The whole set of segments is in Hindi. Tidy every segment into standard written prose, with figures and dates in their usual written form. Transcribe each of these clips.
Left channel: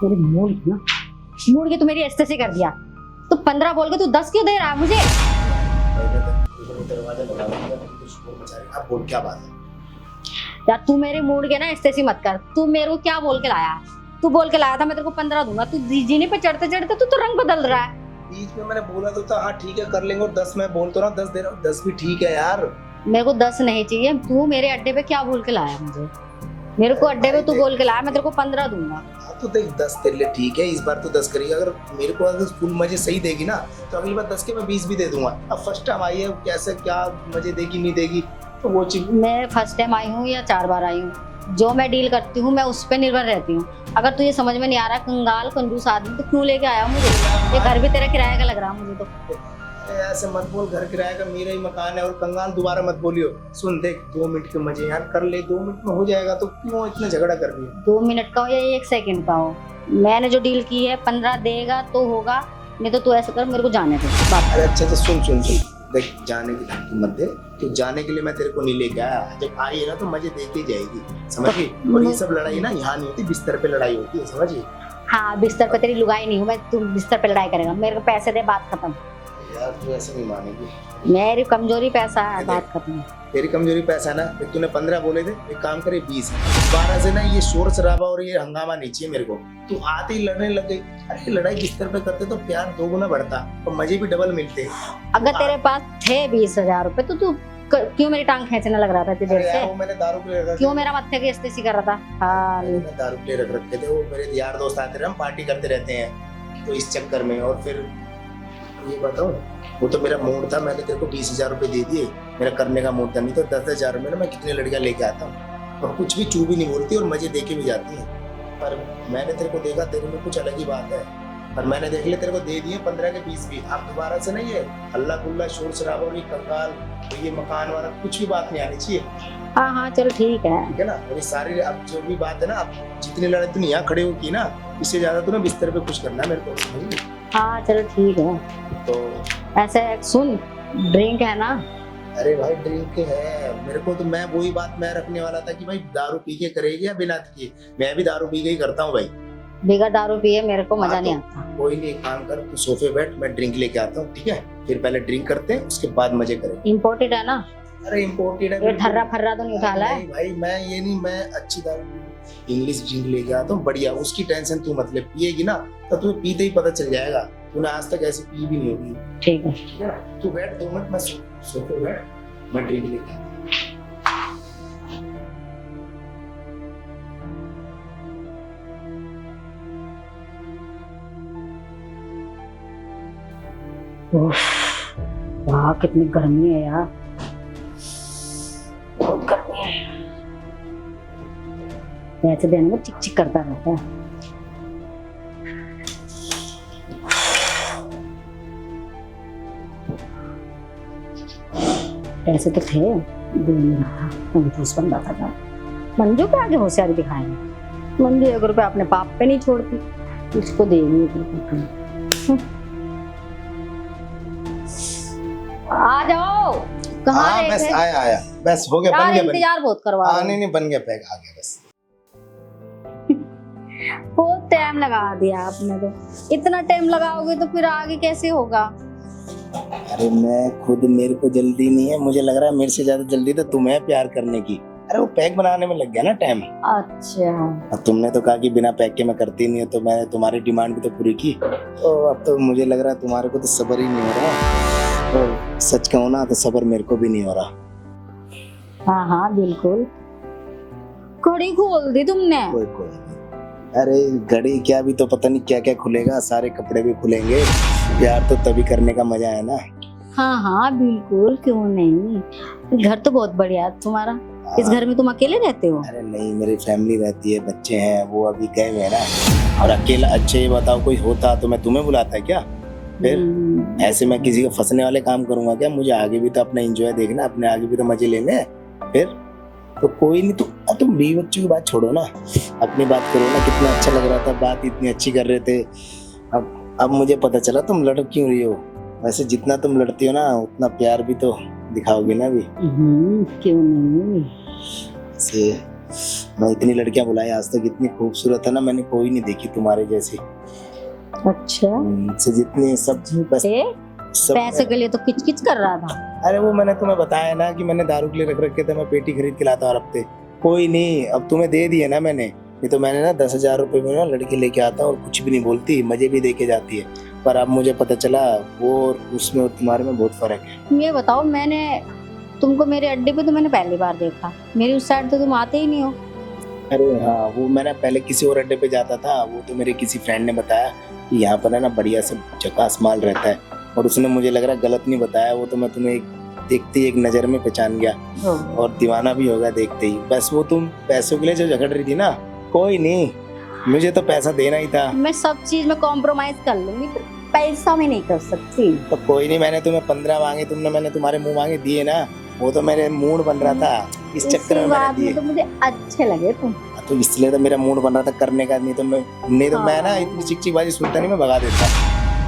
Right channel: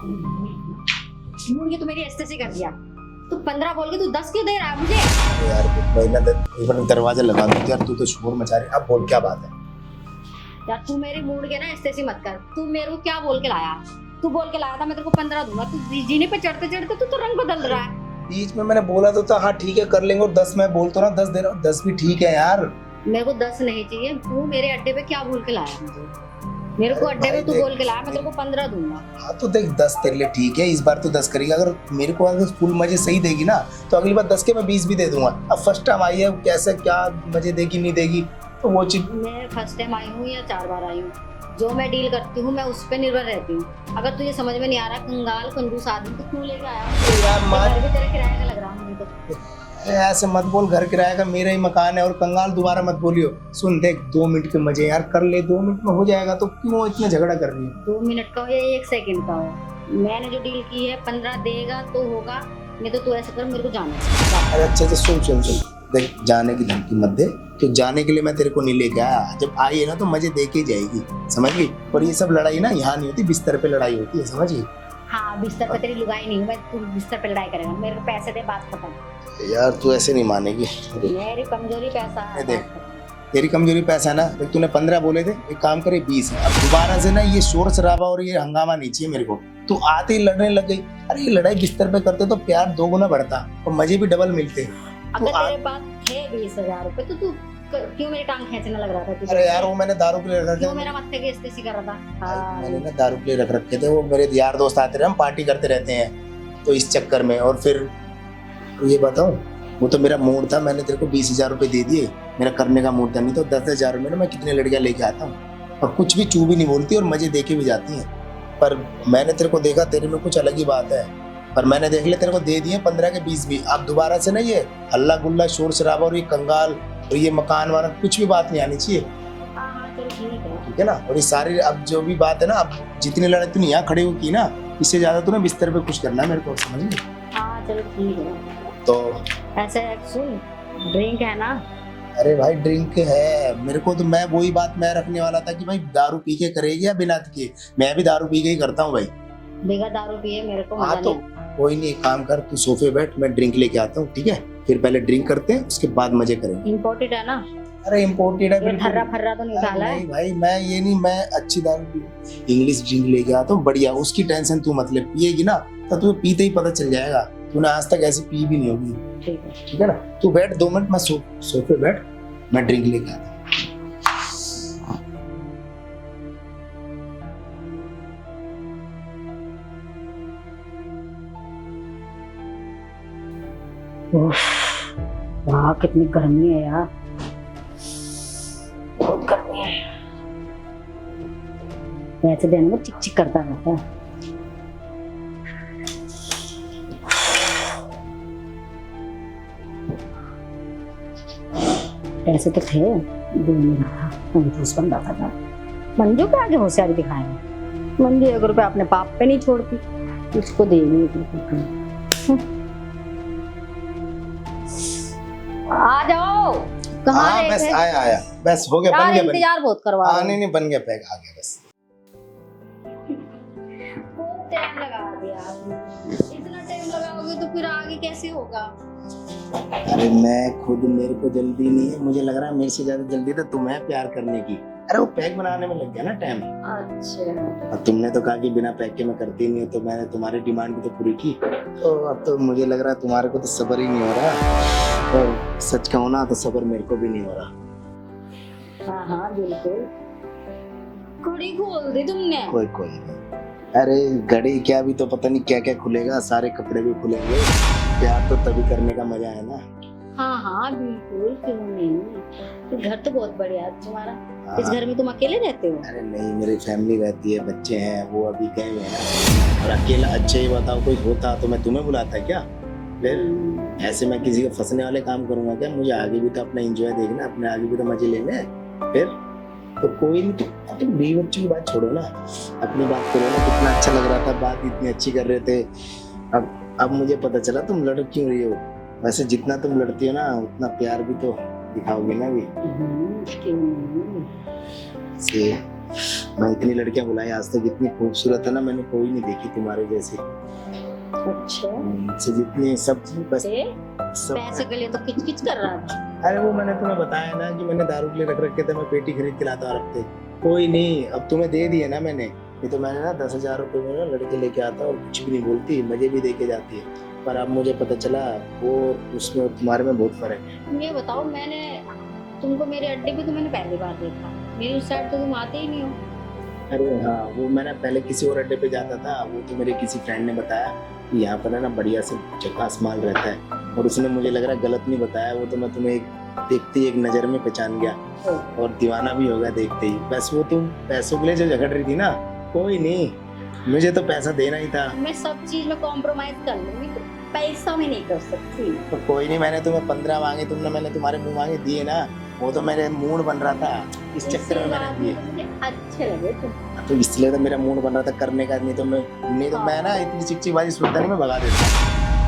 तेरे मूड की तू मेरी एस्टेसी कर दिया। तू 15 बोल के तू 10 क्यों दे रहा है मुझे? यार महीना तक एक बार दरवाजा लगा दो यार, तू तो शोर मचा रही। अब बोल क्या बात है? यार तू मेरे मूड के ना एस्टेसी मत कर। तू मेरे को क्या बोल के लाया? तू बोल के लाया था मैं तेरे को 15 दूंगा। तू जीनी पे चढ़ते चढ़ते तू रंग बदल रहा है। बीच में मैंने बोला तो था हाँ ठीक है कर लेंगे, और 10 मैं बोलता ना 10 दे रहा हूँ, 10 भी ठीक है यार। मेरे को 10 नहीं चाहिए। तू मेरे अड्डे पे क्या बोल के लाया मुझे? मेरे को अड्डे पे तू बोल के लाया मैं तेरे को 15 दूंगा। हाँ तो देख 10 तेरे लिए ठीक है, इस बार तो 10 करेगा। अगर मेरे को अगर फुल मजे सही देगी ना तो अगली बार 10 के मैं 20 भी दे दूंगा। अब फर्स्ट टाइम आई है, कैसा क्या मजे देगी नहीं देगी तो वो चीज। मैं फर्स्ट टाइम आई हूँ या 4 बार आई हूँ, जो मैं डील करती हूँ मैं उस पर निर्भर रहती हूँ। अगर तुझे समझ में नहीं आ रहा कंगाल कंजूस आदमी तो क्यों लेके आया मुझे? ये घर भी तेरा किराए का लग रहा मुझे तो। अरे ऐसे मत बोल, घर किराए का मेरा ही मकान है। और कंगाल दोबारा मत बोलियो। सुन देख 2 मिनट के मजे यार कर ले, 2 मिनट में हो जाएगा तो क्यों इतना झगड़ा कर रही है? 2 मिनट का हो या 1 सेकंड का हो, मैंने जो डील की है 15 देगा तो होगा, नहीं तो तू ऐसे कर मेरे को जाने दे। अरे अच्छा तो सुन देख, जाने की धमकी मत दे। तो जाने के लिए मैं तेरे को नहीं लेके आया। जब आई है ना तो मजे दे के जाएगी, समझ गई? और ये सब लड़ाई ना यहाँ नहीं होती, बिस्तर पे लड़ाई होती है, समझ गई? हाँ बिस्तर पे तेरी लुगाई नहीं हूँ मैं, तू बिस्तर पे लड़ाई करेगा। मेरे को पैसे दे, बात खत्म। यार तू ऐसे नहीं मानेगी। मेरी कमजोरी पैसा है, बात खत्म। तेरी कमजोरी पैसा ना, देख तूने 15 बोले थे, एक काम करे 20। अब दोबारा से ना ये शोर शराबा और ये हंगामा नहीं चाहिए मेरे को। तू आते ही लड़ने लग गई। अरे ये लड़ाई बिस्तर पे करते तो प्यार 2 गुना बढ़ता और मजे भी डबल मिलते। अगर तेरे पास थे 20,000 रुपए तो तू क्यों मेरी टांग खींचने लग रहा था तुझे? अरे यार वो मैंने दारू के लिए रख क्यों मेरा मत्थे की एस्टेसी कर रहा था? हाँ मैंने दारू के लिए रख रखे थे। वो मेरे यार दोस्त आते रहे, हम पार्टी करते रहते हैं तो इस चक्कर में। और फिर ये बताऊं, वो तो मेरा मूड था, मैंने तेरे को 20,000 रुपए दे दिए। मेरा करने का मूड था, नहीं तो 10,000 में ना मैं कितने लड़कियां लेके आता हूँ और कुछ भी चू भी नहीं बोलती और मजे देके भी जाती हैं। पर मैंने तेरे को देखा, तेरे में कुछ अलग ही बात है। पर मैंने देख लिया, तेरे को दे दिए 15 के 20 भी। आप दोबारा से ना ये हल्ला गुल्ला शोर शराबा और ये कंगाल और ये मकान वाला कुछ भी बात नहीं आनी चाहिए। हाँ हाँ चलो ठीक है। ठीक है ना? और ये सारी अब जो भी बात है ना, अब जितनी लड़ाई तूने यहाँ खड़े हो की ना, इससे ज्यादा तूने बिस्तर पे कुछ करना है मेरे को, समझ गई? हाँ चलो ठीक है। तो ऐसे सुन, ड्रिंक है ना? अरे भाई ड्रिंक है मेरे को तो, मैं वही बात मैं रखने वाला था कि भाई दारू पी के करेगी या बिना के। मैं भी दारू पी के ही करता हूँ भाई। बिगर दारू पिए मेरे को मजा हाँ, नहीं तो आता। कोई नहीं, एक काम कर, तू सोफे बैठ, मैं ड्रिंक लेके आता हूँ, ठीक है? फिर पहले ड्रिंक करते हैं, उसके बाद मजे करेंगे। इम्पोर्टेड है ना? अरे इम्पोर्टेड है बिल्कुल। फर्रा फर्रा तो निकाला है? नहीं भाई मैं ये नहीं, मैं अच्छी दारू इंग्लिश ड्रिंक लेके आता हूँ बढ़िया। उसकी टेंशन तू मतलब, पिएगी ना तो तुम्हें पीते ही पता चल जाएगा। तूने आज तक ऐसी पी भी नहीं होगी। ठीक है। ठीक है ना? तू बैठ 2 मिनट, मैं सोफे बैठ, मैं ड्रिंक लेके आता हूँ। वाह कितनी गर्मी है यार, बहुत गर्मी है। ऐसे दिन में चिक चिक करता रहता है। ऐसे तो थे कंजूस बंदा था। मंजू पे आगे होशियारी दिखाए। मंजू 1 रुपया अपने पाप पे नहीं छोड़ती, उसको देगी 1 रुपया। आ जाओ। कहाँ हाँ रहे बस थे? आया बस हो गया, बन यार गया, बन इंतजार बहुत करवा गया। रहे हो। नहीं बन गया, पैक आ गया बस। बहुत टाइम लगा दिया आपने तो। इतना टाइम लगाओगे तो फिर आगे कैसे होगा? अरे मैं खुद, मेरे को जल्दी नहीं है, मुझे लग रहा है मेरे से ज्यादा जल्दी तो तुम्हें प्यार करने की। अरे वो पैक बनाने में लग गया ना टाइम। अच्छा। अब तुमने तो कहा कि बिना पैक के मैं करती नहीं हूँ, तो मैंने तुम्हारी डिमांड भी तो पूरी की। तो अब तो मुझे लग रहा है तुम्हारे को तो सब्र ही नहीं हो रहा। और सच कहूँ ना तो सब्र मेरे को भी नहीं हो रहा। हाँ हाँ बिल्कुल। कड़ी खोल दी तुमने। कोई नहीं। अरे घड़ी क्या, भी तो पता नहीं क्या क्या खुलेगा, सारे कपड़े भी खुलेंगे। प्यार तो तभी करने का मजा है ना। हाँ हाँ बिल्कुल, क्यों नहीं। घर तो बहुत बढ़िया है तुम्हारा। इस घर में तुम अकेले रहते हो? अरे नहीं, मेरी फैमिली रहती है, बच्चे हैं, वो अभी गए हुए हैं ना। और अकेला, अच्छा ये बताओ कोई होता तो मैं तुम्हें बुलाता है क्या? फिर ऐसे मैं किसी को फंसने वाले काम करूंगा क्या? मुझे आगे भी तो अपना एंजॉय देखना, अपने आगे भी तो मजे लेने हैं। फिर तो कोई नहीं, तुम बीवी बच्चों की बात छोड़ो ना, अपनी बात करो ना। कितना अच्छा लग रहा था, बात इतनी अच्छी कर रहे थे। अब मुझे पता चला तुम लड़ क्यों रही हो। वैसे जितना तुम लड़ती हो ना उतना प्यार भी तो दिखाओगे ना भी। क्यों नहीं। से मैं इतनी लड़कियां बुलाई आज तक, इतनी खूबसूरत है ना मैंने कोई नहीं देखी तुम्हारे जैसी। अच्छा से जितनी सब बस ते? सब। पैसे के लिए तो किच किच कर रहा था। अरे वो मैंने तुम्हें बताया ना कि मैंने दारू के लिए रख रखे थे, मैं पेटी खरीद के लाता हर हफ्ते। कोई नहीं, अब तुम्हें दे दिए ना मैंने, नहीं तो मैंने ना 10,000 रुपए में ना लड़के लेके आता हूँ और कुछ भी नहीं बोलती, मजे भी दे के जाती है। पर अब मुझे पता चला वो उसमें और तुम्हारे में बहुत फर्क है। ये बताओ, मैंने तुमको मेरे अड्डे पे तो मैंने पहली बार देखा, मेरी उस साइड तो तुम आते ही नहीं हो। अरे हाँ, वो मैंने पहले किसी और अड्डे पे जाता था, वो तो मेरे किसी फ्रेंड ने बताया कि यहाँ पर है ना बढ़िया से झकास माल रहता है, और उसने मुझे लग रहा गलत नहीं बताया, वो तो मैं तुम्हें देखते ही एक नज़र में पहचान गया और दीवाना भी होगा देखते ही। बस वो तुम पैसों के लिए जो झगड़ रही थी ना, कोई नहीं, मुझे तो पैसा देना ही था। मैं सब चीज में कॉम्प्रोमाइज कर लूंगी, तो पैसा में नहीं कर सकती। तो कोई नहीं, मैंने तुम्हें 15 मांगे, तुमने मैंने तुम्हारे मुंह मांगे दिए ना, वो तो मेरे मूड बन रहा था, इस चक्कर में मैंने दिए। तो मुझे अच्छे लगे तुम। तो इसलिए तो मेरा मूड बन रहा था करने का, नहीं तो मैं ना इतनी चिकचिकबाजी सुनता नहीं, मैं भगा देता।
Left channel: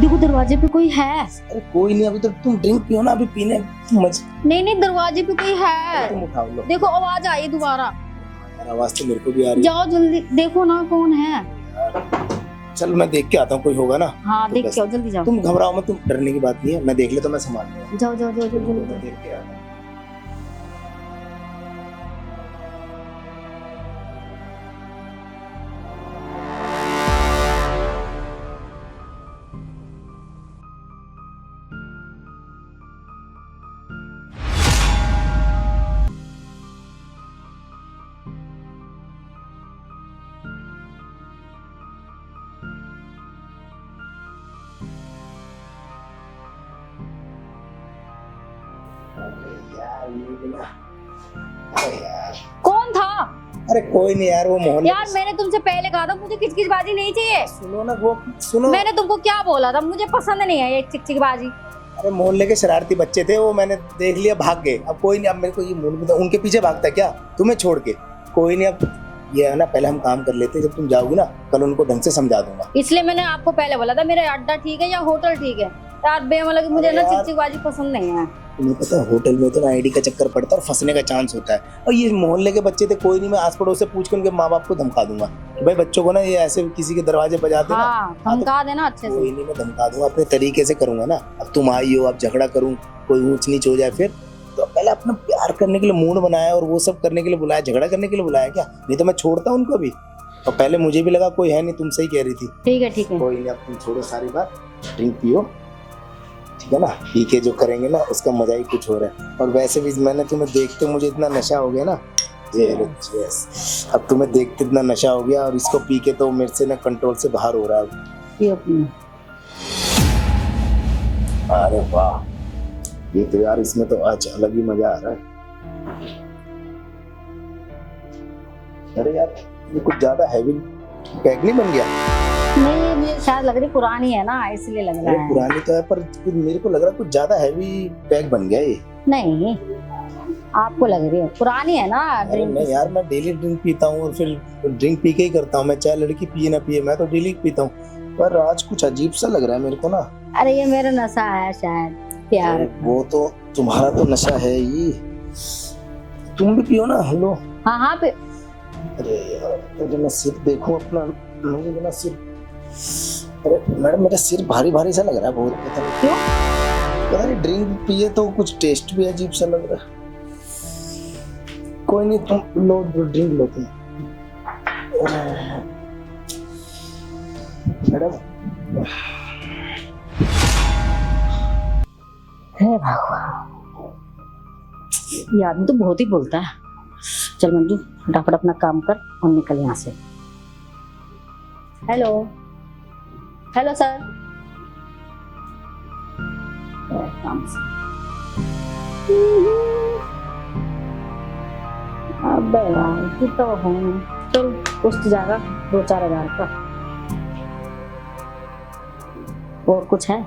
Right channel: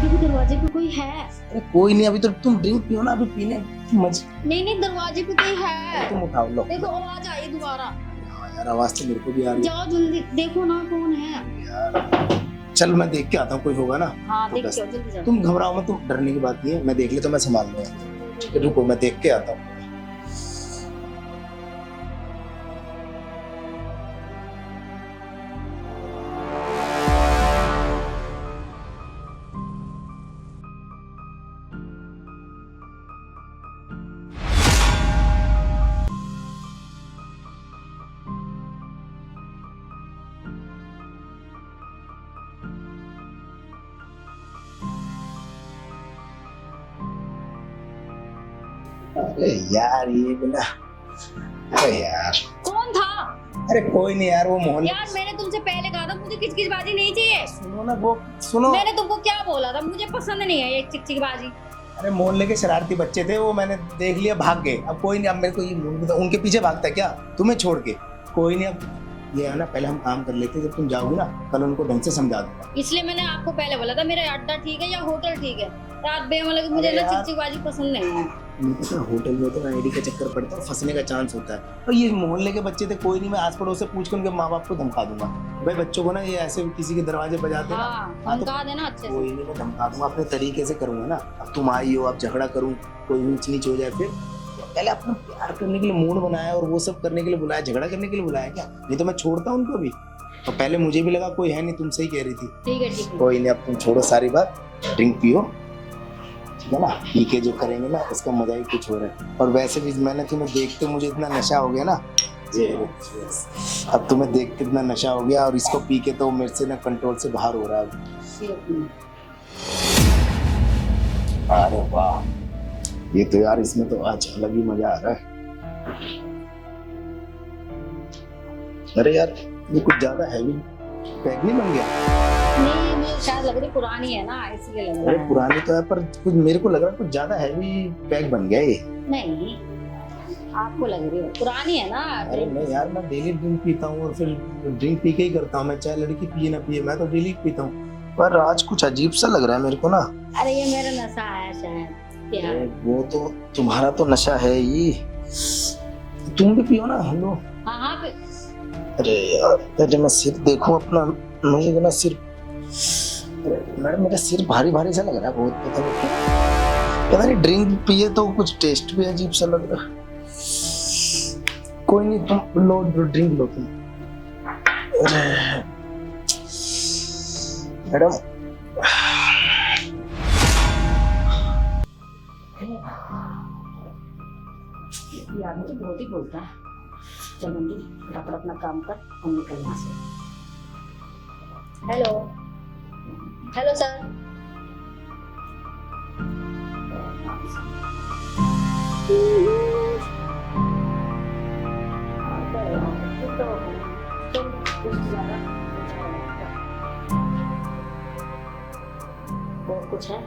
देखो दरवाजे पे कोई है। अरे कोई नहीं, अभी तो तुम ड्रिंक पियो ना, अभी पीने नहीं दरवाजे पे कोई है। तुम उठाओ लो। देखो आवाज आई दोबारा। हाँ यार, आवाज तो मेरे को भी आ रही है। जाओ जल्दी देखो ना कौन है। यार चल मैं देख के आता हूँ, कोई होगा ना। हाँ तो देख बस। के आओ, जल्दी जाओ। तुम घबराओ मत, तुम डरने की बात नहीं है, मैं देख ले तो मैं संभाल लूंगा। जाओ जाओ जाओ रुको, जाओ। मैं देख के आता हूँ। अरे यार ये बोला, अरे यार कौन था? अरे कोई नहीं यार, वो मोहल्ले। यार मैंने तुमसे पहले कहा था मुझे किचकिचबाजी नहीं चाहिए। सुनो ना, वो सुनो। मैंने तुमको क्या बोला था, मुझे पसंद नहीं है ये चिकचिकबाजी। अरे मोहल्ले के शरारती बच्चे थे, वो मैंने देख लिया, भाग गए। अब कोई नहीं, अब मेरे को ये मूड में उनके पीछे भागता है क्या, तुम्हें छोड़ के? कोई नहीं, अब ये है ना, पहले हम काम कर लेते हैं, जब तुम जाओगी ना कल उनको ढंग से समझा दूंगा। इसलिए मैंने आपको पहले बोला था मेरा अड्डा ठीक है या होटल ठीक है। यार बेमतलब मुझे अरे ना यार। चिकचिकबाजी पसंद नहीं है। तुम्हें पता है होटल में तो ना आईडी का चक्कर पड़ता है और फंसने का चांस होता है। और ये मोहल्ले के बच्चे थे, कोई नहीं, मैं आस पड़ोस से पूछ के उनके माँ बाप को धमका दूंगा कि भाई बच्चों को ना ये ऐसे किसी के दरवाजे बजाते ना। हाँ हाँ, तो धमका देना अच्छे से। कोई नहीं, मैं धमका दूंगा, अपने तरीके से करूंगा ना। अब तुम आई हो, अब झगड़ा करूं, कोई ऊंच नीच हो जाए फिर, तो पहले अपना प्यार करने के लिए मूड बनाया और वो सब करने के लिए बुलाया, झगड़ा करने के लिए बुलाया क्या? नहीं तो मैं छोड़ता उनको भी। और पहले मुझे भी लगा कोई है नहीं, तुम सही कह रही थी। ठीक है। कोई नहीं, अब तुम छोड़ो सारी बात, ड्रिंक पियो, ठीक है ना? पी के जो करेंगे ना उसका मजा ही कुछ हो रहा है। और वैसे भी मैंने तुम्हें देखते मुझे इतना नशा हो गया ना, अब तुम्हें देखते इतना नशा हो गया, और इसको पी के तो मेरे से ना कंट्रोल से बाहर हो रहा है। अरे वाह, ये तो यार इसमें तो आज अलग ही मजा आ रहा है। अरे यार ये कुछ ज्यादा हैवी पैक नहीं बन गया? नहीं ये शायद लग रही पुरानी है ना, इसलिए लग अरे रहा है। पुरानी तो है, पर कुछ मेरे को लग रहा है कुछ ज्यादा हैवी पैक बन गया ये। नहीं आपको लग रही है पुरानी है ना। अरे नहीं यार, मैं डेली ड्रिंक पीता हूँ और फिर ड्रिंक पी के ही करता हूँ मैं, चाहे लड़की पिए ना पिए, मैं तो डेली पीता हूँ। पर आज कुछ अजीब सा लग रहा है मेरे को ना। अरे ये मेरा नशा है शायद, प्यार। अरे वो तो तुम्हारा तो नशा है ही, तुम भी पियो ना। हेलो। हाँ पे। अरे यार जब मैं सिर देखूं अपना, मुझे तो ना सिर, अरे मैडम मेरा सिर भारी भारी सा लग रहा है बहुत, पता नहीं क्यों। पता नहीं ड्रिंक पिए तो कुछ टेस्ट भी अजीब सा लग रहा है। कोई नहीं, तुम लो ड्रिंक लो तुम। अरे मैडम, हे भगवान, ये आदमी तो बहुत ही बोलता है। चल मंजू फटाफट अपना काम कर और निकल यहाँ से। Hello hello sir. अबे यार तू तो है, चल कुछ तो जाएगा 2-4 हज़ार का। और कुछ है?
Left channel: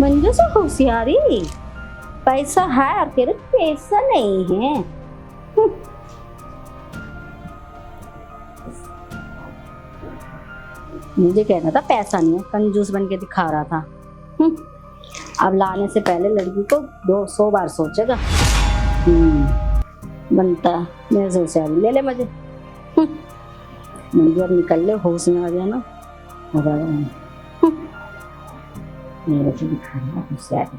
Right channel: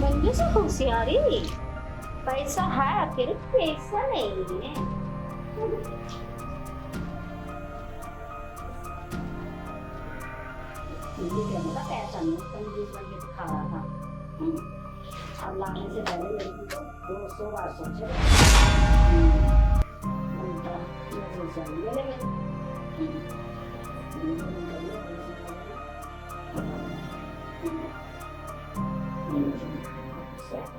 मंजू से होशियारी, पैसा है फिर पैसा नहीं है। मुझे कहना था पैसा नहीं है, कंजूस बन के दिखा रहा था। अब लाने से पहले लड़की को 200 बार सोचेगा। बनता मेरे से होशियारी ले ले मजे। मुझे अब निकल ले, होश में आ गया ना। मेरे से दिखा रहा होशियारी।